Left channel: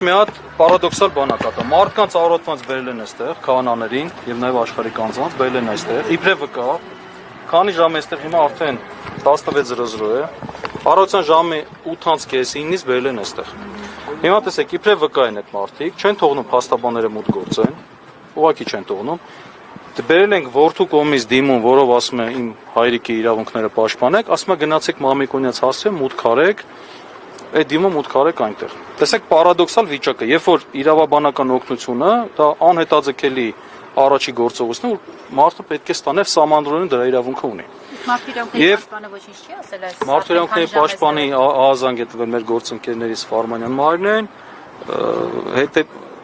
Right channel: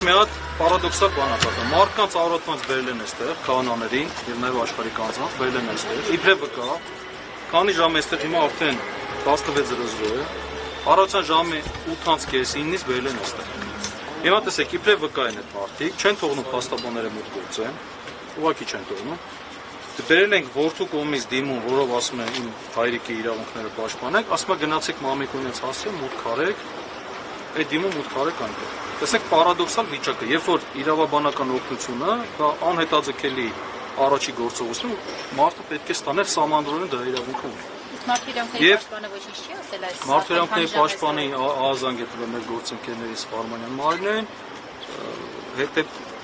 Մի հատ պարադոքսալ բան ա կա։ Մարդկանց առողջված բերել են այստեղ, քահանաներին եւ նաեւ աշխարհի կանանց բերել են այստեղ։ Իբրև վկա, քանի ժամ այստեղ հիմա արդեն 16:00 է։ Առավոտյան ժամի 8:30-9-ից բերել են այստեղ։ Հիմա տեսեք, իբրև վկա են այդ մարդիկ, չեն թողնում փաստաբանները մուտք գործեն, ուղղակի չեն թողնում։ Բերել ենք որդու կողմից դիմում, որով ասում է իմ հայրիկի իրավունքները պաշտպանեք, ասում է գնացեք Մամիկոնյաց հասցրեք, մուտք արեք, այդ դիմում մուտք արեք այնտեղ։ Տեսեք պարադոքսալ վիճակը, երբ որ իրավաբանական օգնությունը դա անհետաձգելի առաջի գործողություն, մարդը պետք է ստաներ սահմանադրորեն դրա իրավունքը ունի։ Եւ Մարդու պաշտպանի ԱԱԶ-ն գտնվել մեր գործընկերների Սպարմանյան Մարինեն,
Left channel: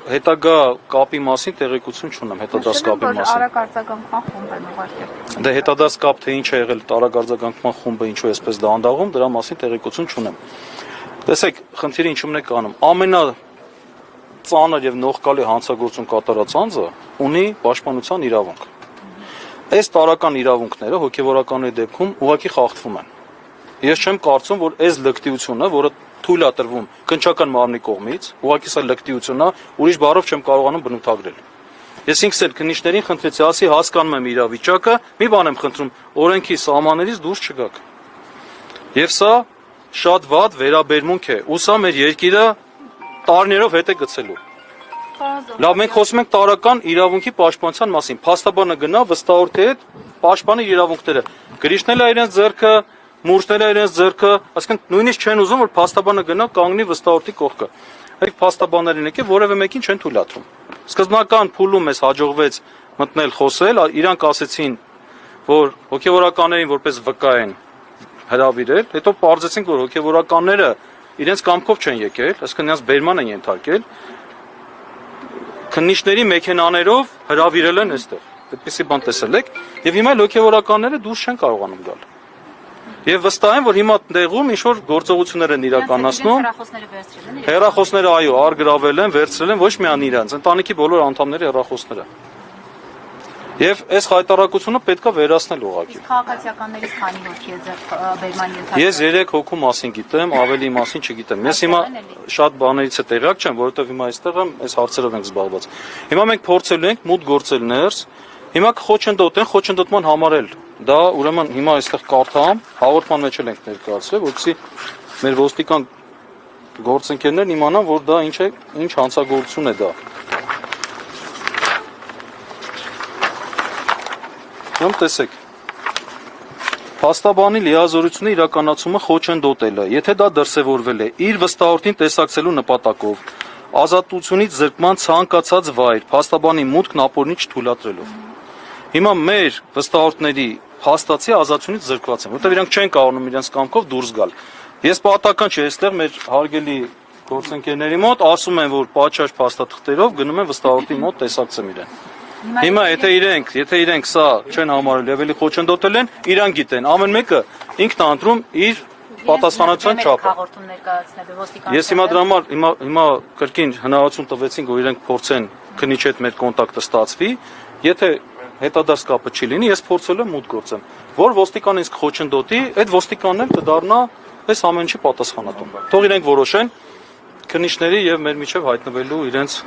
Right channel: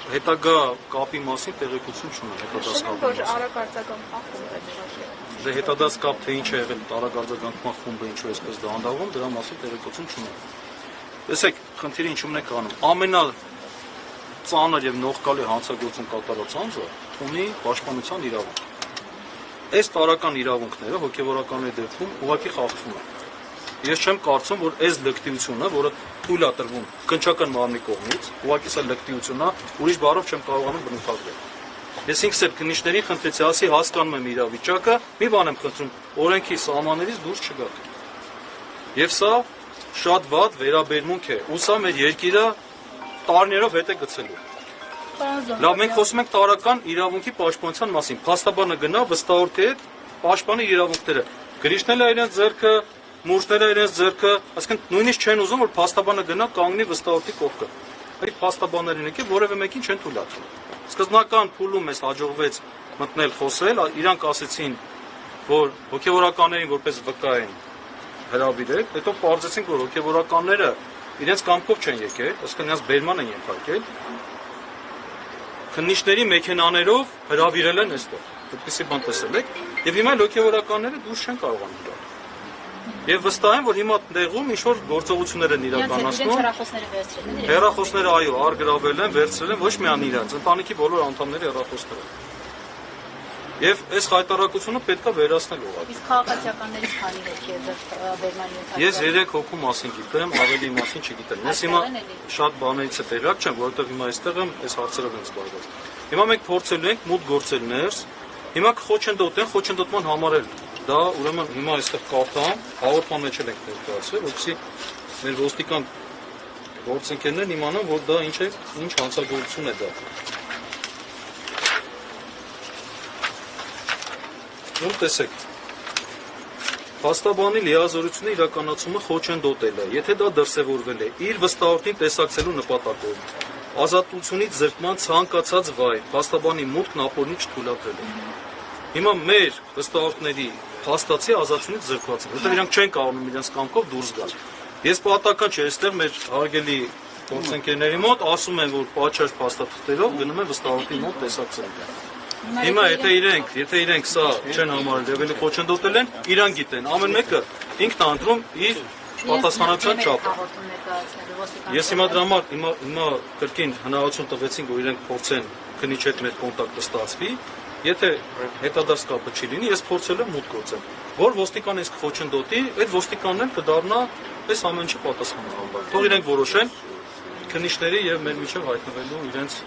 հետագա կապի մասին տեղեկություն չունեմ, հետադարձ կապի մասին։ Արագարձագանքման խումբ է ուղղակի։ Դե հետադարձ կապ թե ինչ է եղել արագարձագանքման խումբը, ինչու է այսպես դանդաղում, դրա մասին տեղեկություն չունեմ։ Տեսեք, խնդիրը ինչումն է կանում։ Ամենածանր եւ նողկալի հանցագործություն կատարած անձը ունի պաշտպանության իրավունք։ Այս տարական իրավունքները հոգեվորականների դեպքում ուղղակի խախտվում են։ Ես չեմ կարծում, որ այս լկտիությունը, որը թույլ է տրվում քննչական մարմնի կողմից, ուղղակի սա լկտիություն է, ուրիշ բառով չեմ կարողանում բնութագրել։ Ես ինքս էլ քննիչներին խնդրեցի, ասի հասկանում եմ իրավիճակը, մի բան եմ խնդրում, օրենքի սահմաններից դուրս չգաք։ Եվ սա շատ վատ վերաբերմունք է, ու սա մեր երկիրը տարիներով հետ է գցելու։ Լավ, մենք խոսում ենք տարական իրավունքի պաշտպանության մասին։ Փաստաբանը գնա վստահորդի հետ պաշտպանի իրավունքները։ Գրիչնել է իրենց ձեռքը, մուրշնել է իրենց ձեռքը, այսինքն նույնիսկ չեն ուզում, որ փաստաբանը գնա կանգնի վստահորդի կողքը։ Այդ փաստաբաններին եկե որևէ մեկին չեն թույլատրում։ Սկզբնական փուլում մեզ հաջողվեց մտնել խոսել, իրանք ասեցին, որ հոգեվորականներին որպես վկա են հրավիրել, հետո պարզեցինք, որ հոգեվորականները իրենց կամքով չեն եկել, այսինքն նրանց բերման են ենթարկել, քննիչների մեքենաներով հրավիրել են այստեղ, այդպիսի բան տեսել եք, եւ հիմա հոգեվորականները դուրս չեն կարողանում գալ։ Եվ վստահ եմ, որ հիմա տեղում ինչ-որ գործողություններ են իրականացնում, հեռախոսները այո, արգրավել են, վերցրել են ոչ միայն իրանց, ընտանիքի բոլոր անդամների հեռախոսները։ Եվ այս հայտարարությունը պետք է վերացնել ուղղակի։ Իսկ քաղաքացիականներից քանի հոգի է բերման ենթարկվել։ Ես 3 հոգու մասին գիտեմ, ավելի մասին չգիտեմ։ Ես հիմա շատ բաներից է տեղյակ չեմ, որովհետև հիմա այստեղ եմ, այս հարցերով ենք զբաղված։ Հիմա մենք փորձելու ենք մուտք գործել ներս։ Հիմա կխոչընդոտեն, խոչընդոտման համար էլ դա ուրեմն հիմա այստեղ կարդամ, հաղորդման մեջ էլ ենք ներկայացրել, որովհետեւ մեր ոստիկան գործընկերներն իմանան, որ դա ինչ է, ինչ հանցագործություն է դա։ Ում տեսեք, փաստաբանի լիազորությունը իրականացումը խոչընդոտելը, եթե դա դրսևորվել է իր վստահորդին տեսակցելու նպատակով, ազատությունից զրկման ցանկացած վայր, փաստաբանի մուտքն ապօրինի չթույլատրելով։ Հիմա մեր վստահորդների փաստացի ազատությունից զրկված են, որտեղ իրանք չեն կարողանում իրենց կամքով դուրս գալ։ Ես պատահական չէ, այստեղ մեր հարգելի գործընկերների մոտ ասում են, որ պատշաճ փաստաթղթերով գնում են վստահորդի մոտ տեսակցեն իրեն։ Հիմա եթե իրենք սա չեն համարել եւ էլի խոչընդոտել են, իրանք գիտեն, ամեն մեկը ինքն է ընտրում իր պատասխանատվության չափը։ Ես հիմա դրա համար կրկին հնարավորություն տվեցինք, որ իրենք փորձեն քննիչ հետ մեր կոնտակտը ստացվի, եթե հետադարձ կապը չի լինի, ես փորձել եմ մուտք գործեմ, որ ոստիկանը ինձ խոչընդոտի, այդ ոստիկանն էլ կդառնա այս ամեն ինչի պատասխանատու։ Թող իրենք որոշեն քննիչների եւ մեր միջև հայտնվելու իրենց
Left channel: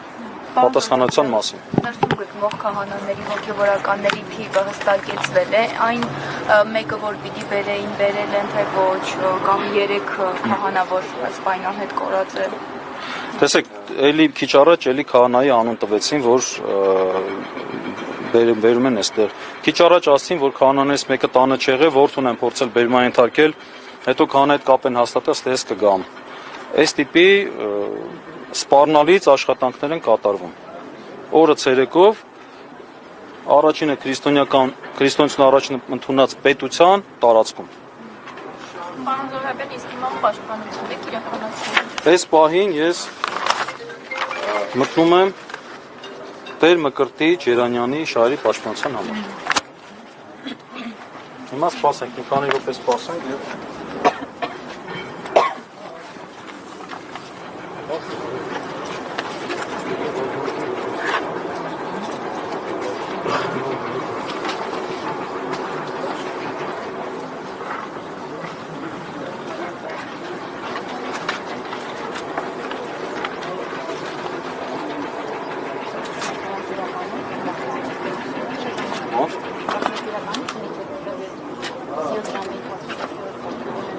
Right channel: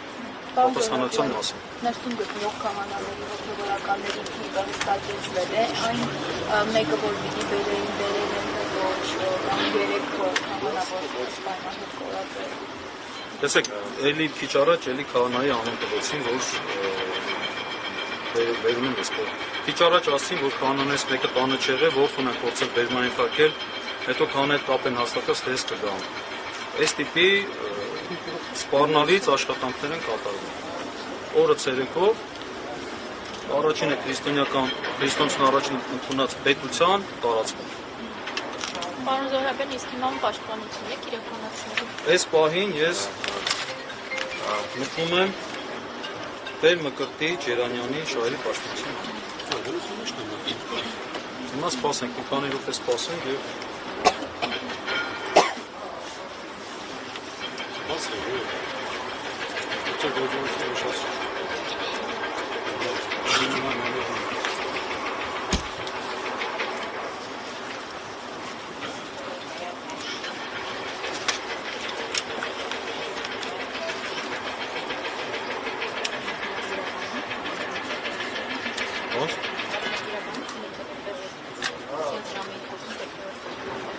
պատասխանատվության մասին։ Ներսում գտնվող քահանաների հոգեվորականների թիվը հստակեցվել է, այն մեկը, որ պիտի բերել են, թե ոչ, կամ 3 քահանա, որ սպայնան հետ կորածել։ Տեսեք, էլի քիչ առաջ էլի քահանայի անուն տվեցին, որ բերում են այստեղ։ Քիչ առաջ ասին, որ քահանաներից մեկը տանը չեղե, որդուն են փորձել բերման ենթարկել, հետո քահանայի հետ կապ են հաստատել, ստես կգամ։ Այս տիպի սպառնալից աշխատանքներ են կատարվում։ Օրը ցերեկով առաջինը քրիստոնեություն առաջին ընդունած պետության տարածքում։ Պարոն Զոհրաբյան, իսկ հիմա պաշտպանություն եք իրականացնում։ Այս պահին ես մտնում եմ Տեր Մկրտիչ Երանյանի շահերի պաշտպանության համար։ Հիմա սպասենք, մի քանի րոպե սպասենք եւ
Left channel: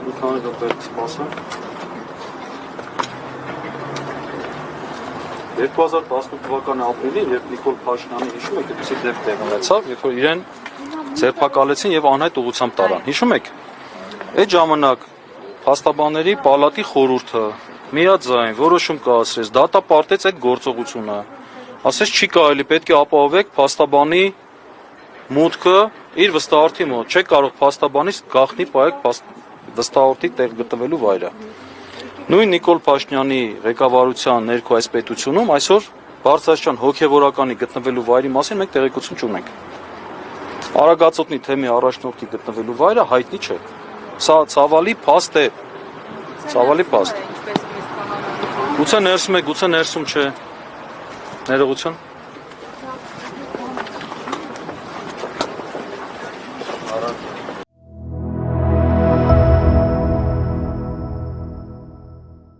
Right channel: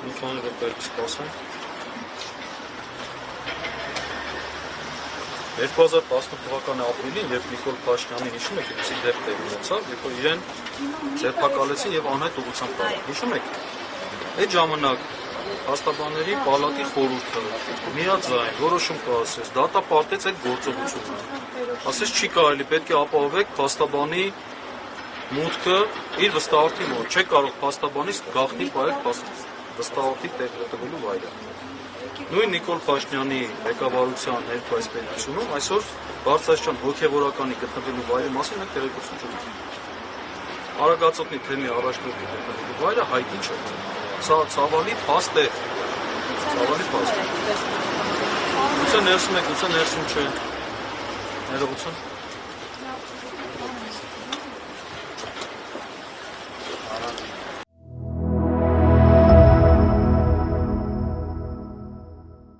Մի քանի րոպե սպասենք։ 2018 թվականի ապրիլին, երբ Նիկոլ Փաշինյանը հիշում եք, այդպիսի դեպք տեղ ունեցավ, երբ որ իրեն ձերբակալեցին եւ անհայտ ուղղությամբ տարան։ Հիշում եք։ Այդ ժամանակ փաստաբանների պալատի խորհուրդը միաձայն որոշում կայացրեց, դատապարտեց այդ գործողությունը։ Ասես չի կարելի, պետք է ապահովեք փաստաբանի մուտքը իր վստահորդի մոտ։ Չեք կարող փաստաբանից գաղտնի պահեք վստահորդի տեղ գտնվելու վայրը։ Նույն Նիկոլ Փաշինյանի ղեկավարության ներքո այս պետությունում այսօր բարձրաստիճան հոգևորականի գտնվելու վայրի մասին մենք տեղեկություն չունենք։ Արագածոտնի թեմի առաջնորդի գտնվելու վայրը հայտնի չէ։ Սա ցավալի փաստ է։ Ցավալի փաստ։ Գուցե ներսում է, գուցե ներսում չէ։ Ներողություն։